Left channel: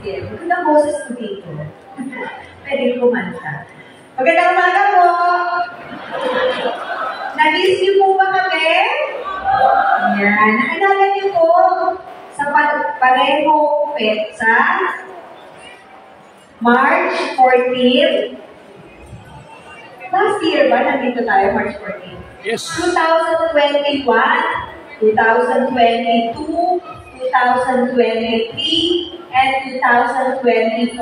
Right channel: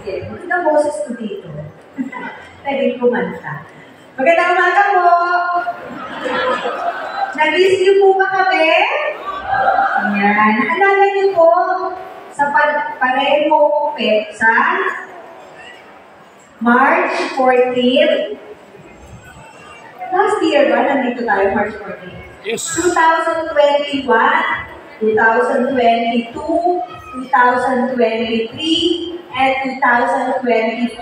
sige. Magandang boses ko dito. Pwede kumanta. Magandang umaga po! Na-miss niyo po ba kami? Yan. Naalala niyo po sa pareho petsa, March 14. Last year ba? Nandito tayo, March 14. Yes. 2021, 2022, 2023, and 2024,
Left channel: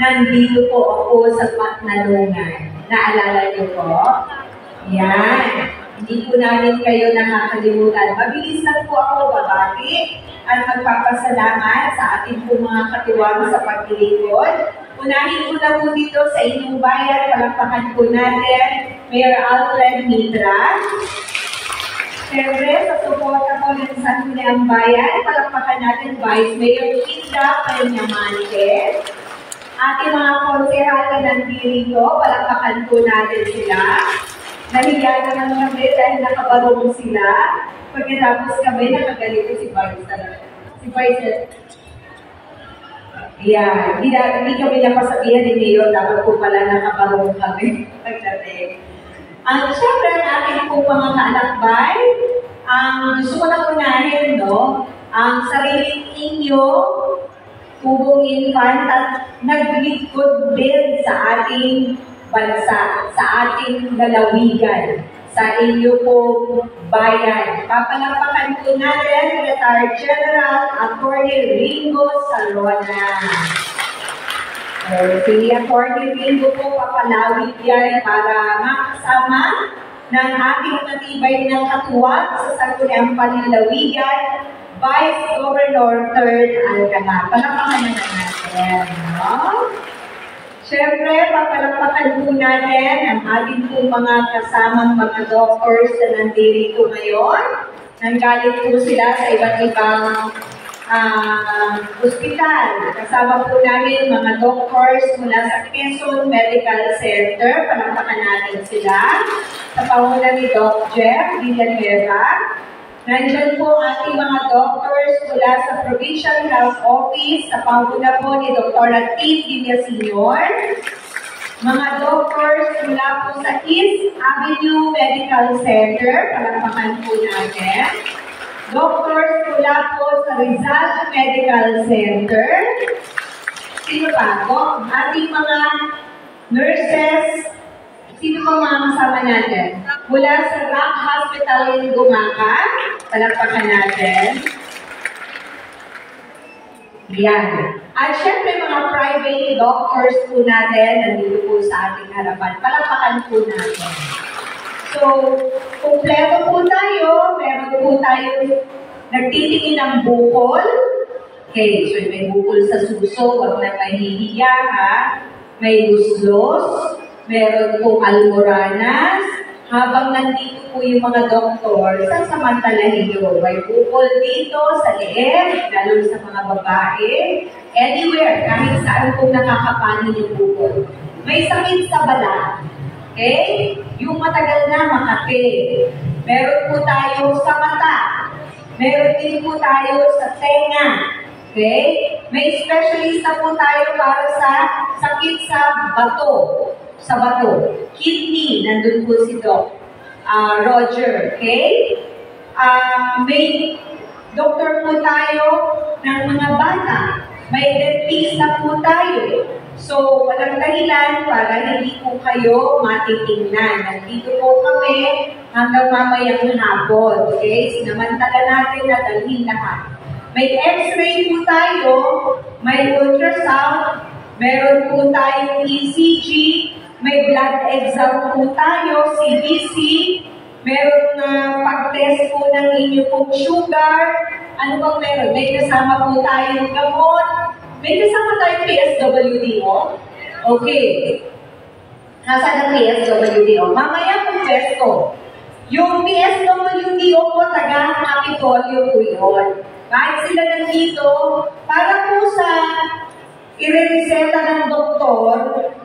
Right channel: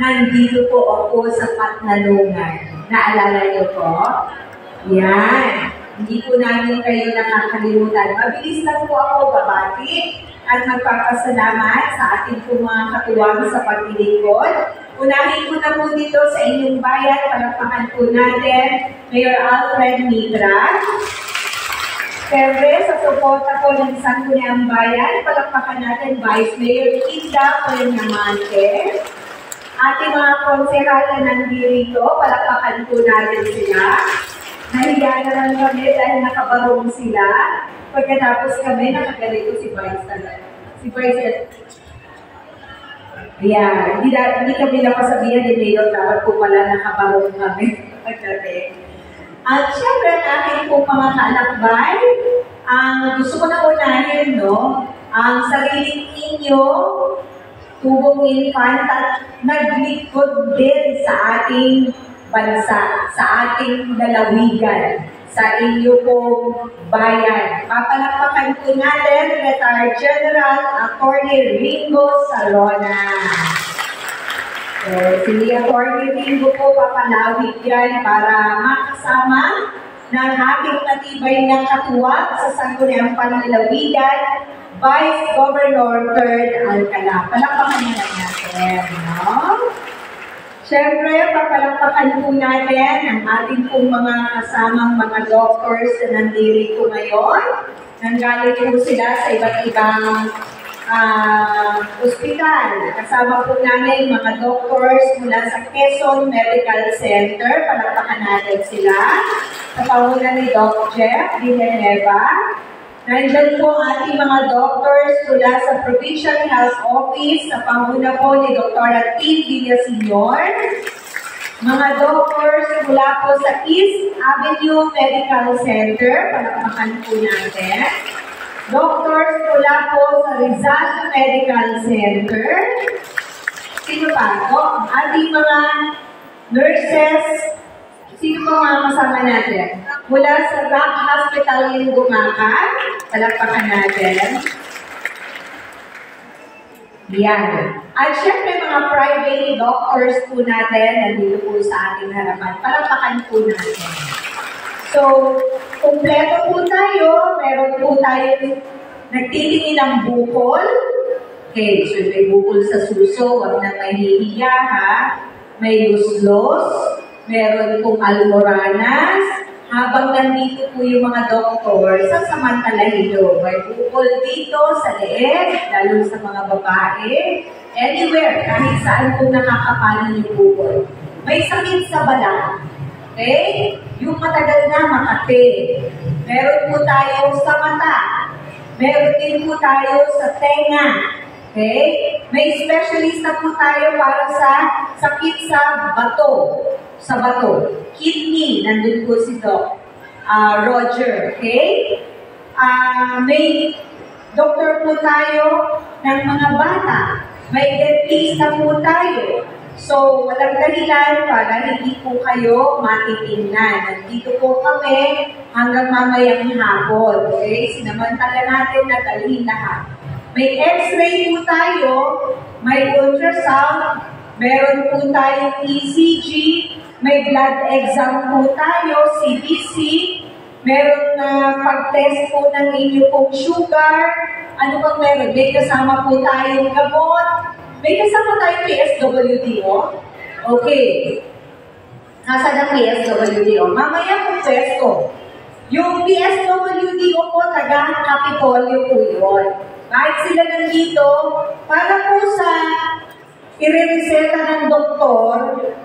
nandito po ako sa Patnalungan. Naalala niyo po? Yan. Hindi po namin kayo nakakalimutan. Mabilis lang po ako babati at magpapasalamat sa ating po mga katuwang sa paglilingkod. Unahin ko na po dito sa inyong bayan, palakpakan po natin, Mayor Alfred Mitra. Siyempre, sa suporta po ng Sangguniang Bayan, palakpakan natin Vice Mayor Kinda Peñamante. Ating mga konsehal na nandito, palakpakan po natin sila. Nahiya na lang kami dahil nakabarong sila. Pagkatapos kami, nakagalito si Vice. Si Vice, yeah, hindi kami napasabihan ni Mayor, dapat po pala nakabarong kami. At syempre, ang aking po mga kaalakbay, ang gusto ko na unahin, no? Ang sariling inyo, tubong infant at naglingkod din sa ating bansa, sa ating lalawigan, sa inyo pong bayan. Papalakpakan po natin, Retired General Attorney Ringo Sarona. So, si Attorney Ringo po papalawig yan para makasama ng ating matibay ng katuwang sa Sangguniang Panlalawigan, Vice Governor 3rd Alcala. Palakpakan na natin, no? Siyempre, papalakpakan po natin ang ating pong mga kasamang mga doctors na nandito ngayon. Nanggaling po sila sa iba't ibang ospital. Kasama po namin mga doctors mula sa Quezon Medical Center. Palakpakan natin sila. Sa pangunan ni Doc Jeff Villanueva. Nandyan po ating mga doctors mula sa Provincial Health Office. Sa pangunan po ni Dr. Tim Villaseñor. Mga doctors mula po sa East Avenue Medical Center. Palakpakan po natin. Doctors mula po sa Rizal Medical Center. Sino pa po? Ating mga nurses. Sino po mga kasama natin? Mula sa Rock Hospital in Gumaca. Palakpakan natin. Yan. At syempre mga private doctors po natin nandito po sa ating harapan. Palakpakan po natin. So, kumpleto po tayo. Meron po tayo nagtitingin ng bukol. Okay, so may bukol sa suso. Huwag na mahihiya, ha? May guslos. Meron pong almoranas. Habang nandito po yung mga doktor, sasamantalahin nyo. May bukol dito sa leeg, lalo sa mga babae. Anywhere, kahit saan po nakakapanin yung bukol. May sakit sa balat. Okay? Yung matagal na Makati. Meron po tayo sa mata. Meron din po tayo sa tenga. Okay? May specialista po tayo para sa sakit sa bato. Sa bato. Kidney, nandun po si Doc Roger. Okay? May doktor po tayo ng mga bata. May dentista po tayo. So, walang dahilan para hindi po kayo matitingnan. Nandito po kami hanggang mamayang hapon. Okay? Sinamantala natin na dalhin lahat. May x-ray po tayo, may ultrasound, meron po tayong ECG, may blood exam po tayo, CBC, meron na pag-test po ng inyo pong sugar, ano bang meron? May kasama po tayong gamot, may kasama tayong PSWD, oh? Okay. Nasaan ang PSWD, oh? Mamaya po pesto. Yung PSWD, oh, po, taga-Kapitolyo po yun. Kahit sila nandito, para po sa i-reseta ng doktor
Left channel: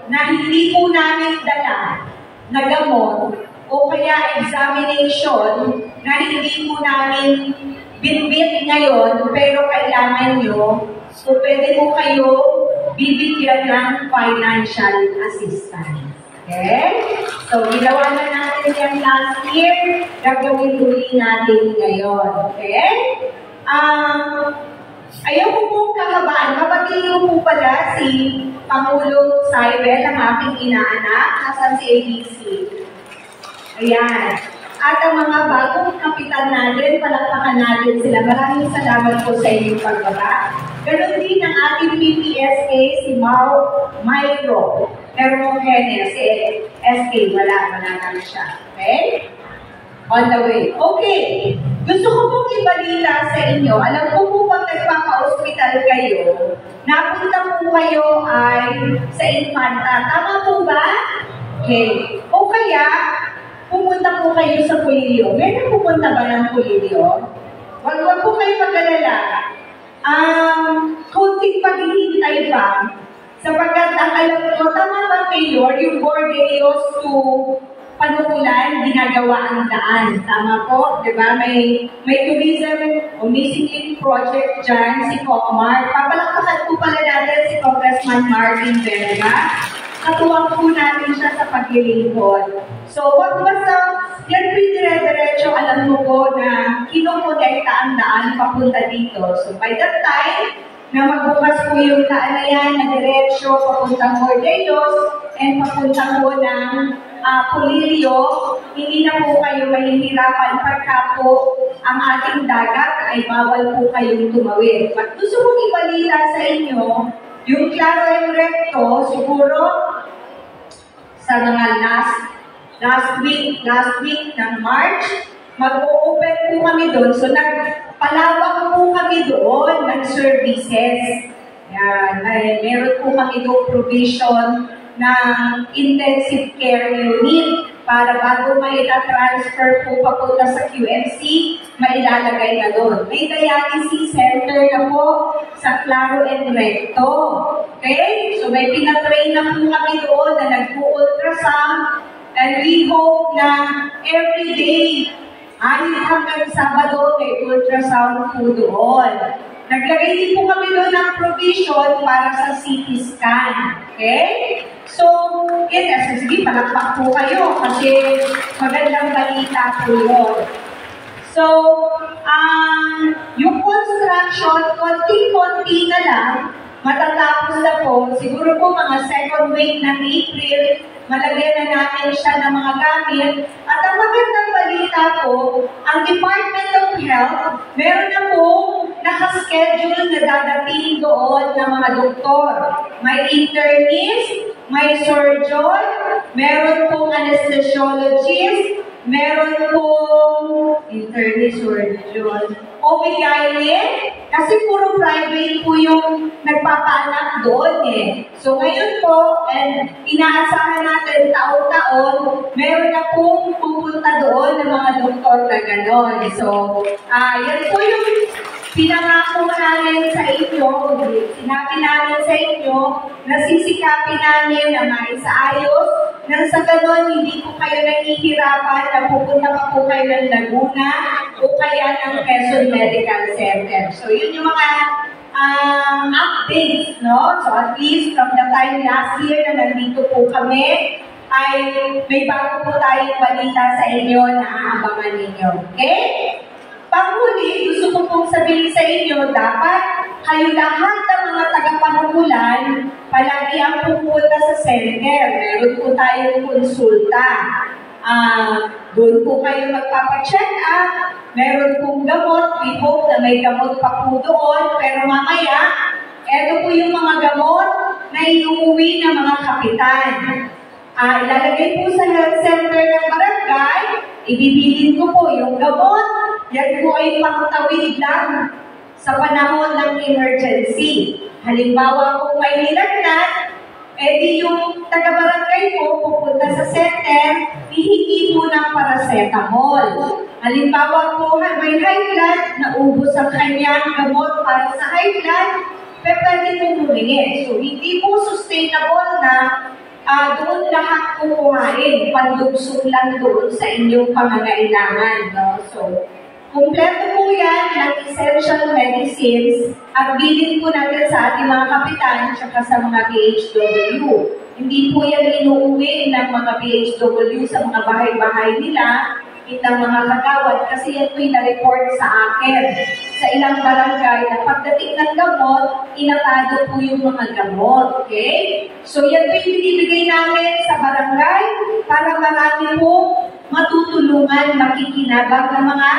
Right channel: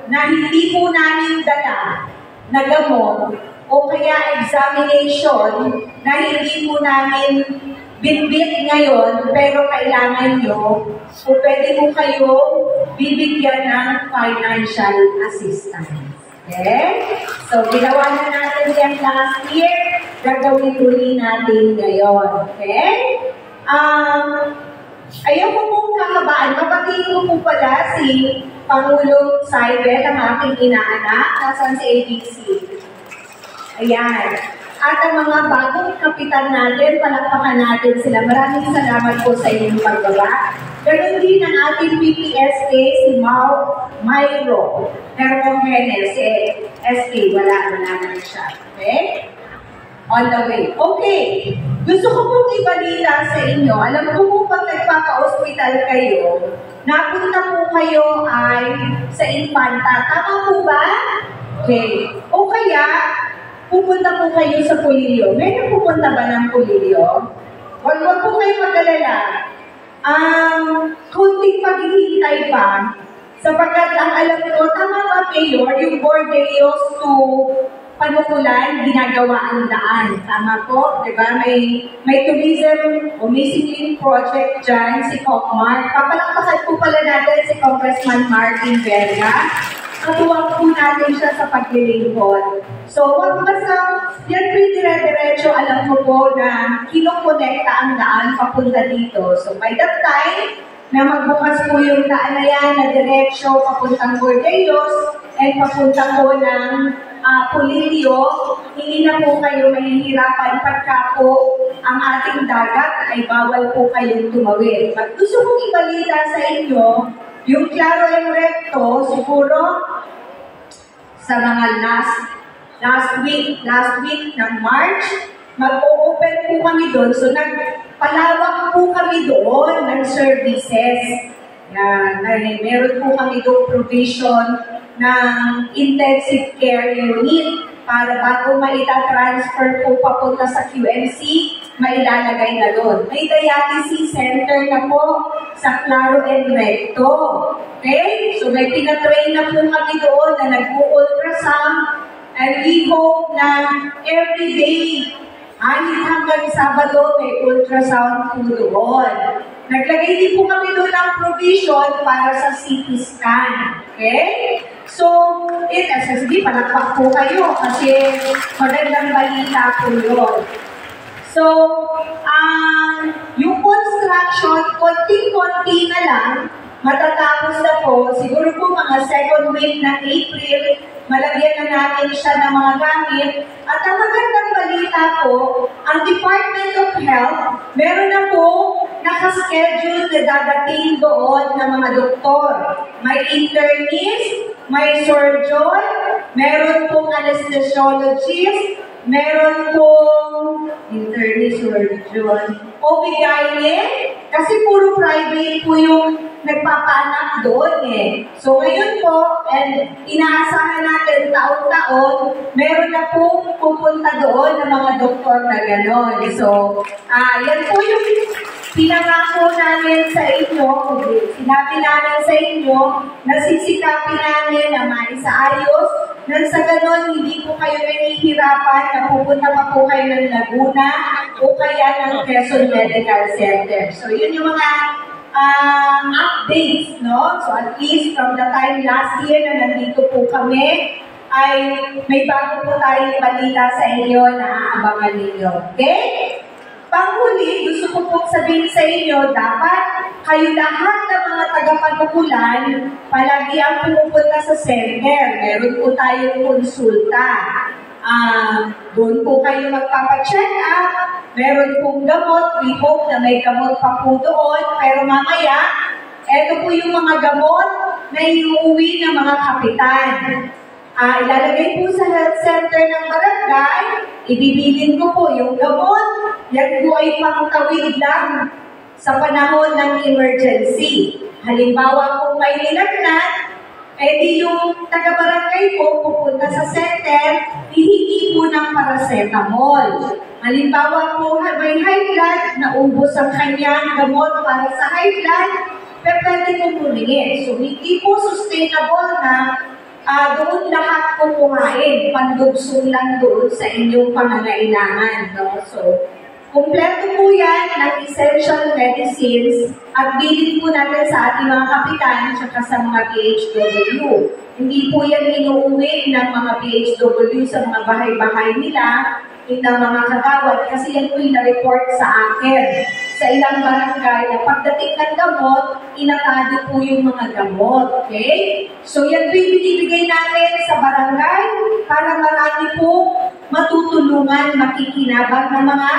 na hindi po namin dala na gamot o kaya examination na hindi po namin binbit ngayon pero kailangan nyo kung pwede po kayo bibigyan ng financial assistance. Okay? So, ginawa na natin yan last year, gagawin uli natin ngayon. Okay? Ayaw ko pong kahabaan, kapatid ko po pala si Pangulong Saibel, ang aking inaanak, nasan si ABC. Ayan. At ang mga bagong kapitan natin, palakpakan natin sila. Maraming salamat po sa inyong pagbaba. Ganon din ang ating PPSK, si Myro Hermogenes, si SK, wala naman siya. Okay? On the way. Okay. Gusto ko pong ibalita sa inyo. Alam ko po pag nagpapa-hospital kayo, napunta po kayo ay sa Infanta. Tama po ba? Okay. O kaya, pupunta po kayo sa Pulilio. Meron pupunta ba ng Pulilio? Huwag po kayo mag-alala. Kunting paghihintay pa. Sapagkat ang alam ko, tama ba Mayor, yung Bordeos to Panukulan, ginagawa ang daan. Tama po, di ba? May tourism o missing link project dyan, si Pocmart. Papalakpakan po pala natin si Congressman Martin Verga. Katuwang po natin siya sa paglilingkod. So, wag basta, yan dire-diretso, alam mo po na kinokonekta ang daan papunta dito. So, by that time, na magbukas po yung daan na yan, na diretsyo, papuntang Bordeos, and papunta po ng Pulilio, hindi na po kayo mahihirapan pagka po ang ating dagat ay bawal po kayong tumawid. But gusto kong ibalita sa inyo, yung Claro and Recto, siguro sa mga last week ng March, mag-o-open po kami doon. So nagpalawak po kami doon ng services. Yan, meron po kami doon provision ng intensive care unit para bago maita-transfer po papunta sa QMC, mailalagay na doon. May dialysis center na po sa Claro and Recto. Okay? So may pinatrain na po kami doon na nag-ultrasound, and we hope na every day, hanggang Sabado, may ultrasound po doon. Naglagay din po kami doon ng provision para sa CT scan. Okay? So, sige, palakpak po kayo kasi magandang balita po yun. So, yung construction, konti-konti na lang, matatapos na po. Siguro po mga second week ng April, malagyan na natin siya ng mga gamit. At ang magandang balita po, ang Department of Health, meron na po nakaschedule na dadating doon ng mga doktor. May internist, may surgeon, meron pong anesthesiologist, meron pong internist, surgeon, OB-GYN, kasi puro private po yung nagpapaanak doon eh. So ngayon po, and inaasahan natin taon-taon, meron na pong pupunta doon ng mga doktor na gano'n. So, yan po yung pinangako namin sa inyo, sinabi namin sa inyo, nasisikapin namin na maisaayos, nang sa gano'n, hindi po kayo nahihirapan na pupunta pa po kayo ng Laguna o kaya ng Quezon Medical Center. So, yun yung mga updates, no? So, at least from the time last year na nandito po kami, ay may bago po tayong balita sa inyo na aabangan ninyo. Okay? Panghuli, gusto ko pong sabihin sa inyo, dapat kayo lahat ng mga tagapanukulan, palagi ang pupunta sa center. Meron po tayong konsulta. Doon po kayo magpapacheck up. Meron pong gamot. We hope na may gamot pa po doon. Pero mamaya, eto po yung mga gamot na iuwi ng mga kapitan. Ilalagay po sa health center ng barangay. Ibibilin ko po yung gamot. Yan po ay pangtawid lang sa panahon ng emergency. Halimbawa kung may nilagnat, edi yung taga-barangay po pupunta sa center, hihingi po ng paracetamol. Halimbawa po may high blood, naubos ang kanyang gamot para sa high blood, pwede po humingi. So hindi po sustainable na doon lahat kukuhain, pandugsong lang doon sa inyong pangangailangan. No? So, kumpleto po yan ng essential medicines at bilin po natin sa ating mga kapitan at sa mga PHW. Hindi po yan inuuwi ng mga PHW sa mga bahay-bahay nila, ng mga kagawad, kasi yan po yung na-report sa akin sa ilang barangay na pagdating ng gamot, inatado po yung mga gamot. Okay? So yan po yung binibigay namin sa barangay para marami po matutulungan, makikinabang ng mga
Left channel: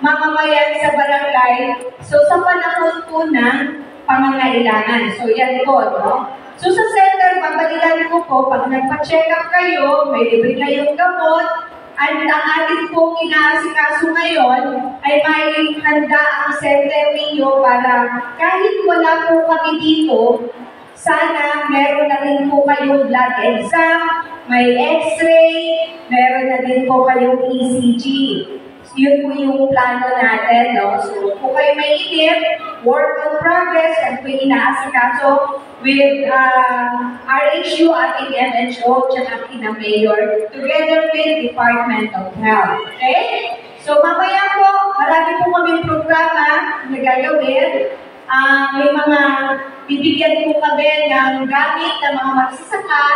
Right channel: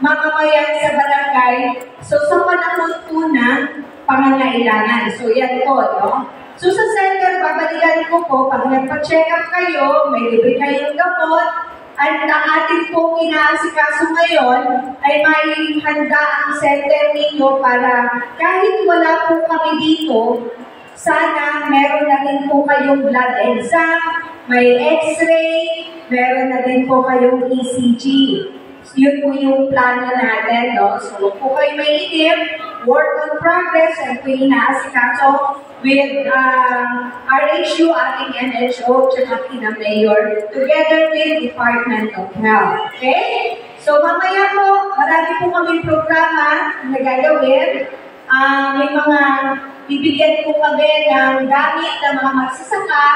mamamayan sa barangay. So sa panahon po ng pangangailangan. So yan po, no? So sa center, babalikan ko po, pag nagpa-check up kayo, may libre kayong gamot, at ang ating pong inaasikaso ngayon ay may handa ang center ninyo para kahit wala po kami dito, sana meron na din po kayong blood exam, may x-ray, meron na din po kayong ECG. Yun po yung plano natin, no? So, kung kayo may inip, work on progress, and po inaasikaso with RHU, ating MHO, tsaka kina Mayor, together with Department of Health. Okay? So, mamaya po, marami po kaming programa na gagawin. May mga bibigyan po kami ng gamit ng mga magsasaka.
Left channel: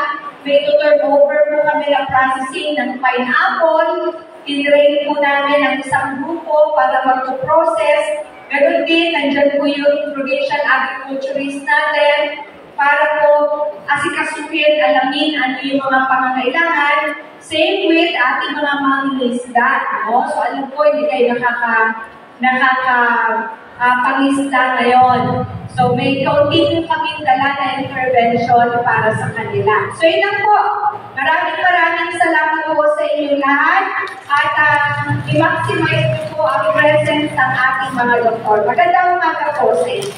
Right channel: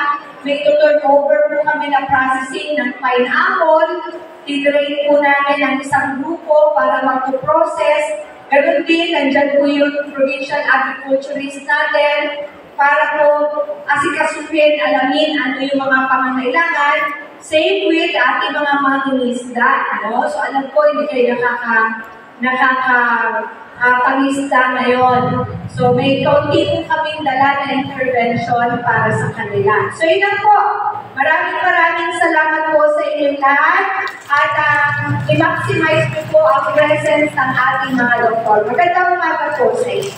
May turn over po kami ng processing ng pineapple. Tinrain po namin ang isang grupo para mag-process. Ganun din, nandyan po yung provincial agriculturist natin para po asikasuhin, alamin ano yung mga pangangailangan. Same with ating mga mangingisda. No? So alam ko, hindi kayo pangisda ngayon. So may kaunti po kaming dala na intervention para sa kanila. So yun lang po. Maraming salamat po sa inyong lahat. At i-maximize po ang presence ng ating mga doktor. Magandang umaga po sa inyo.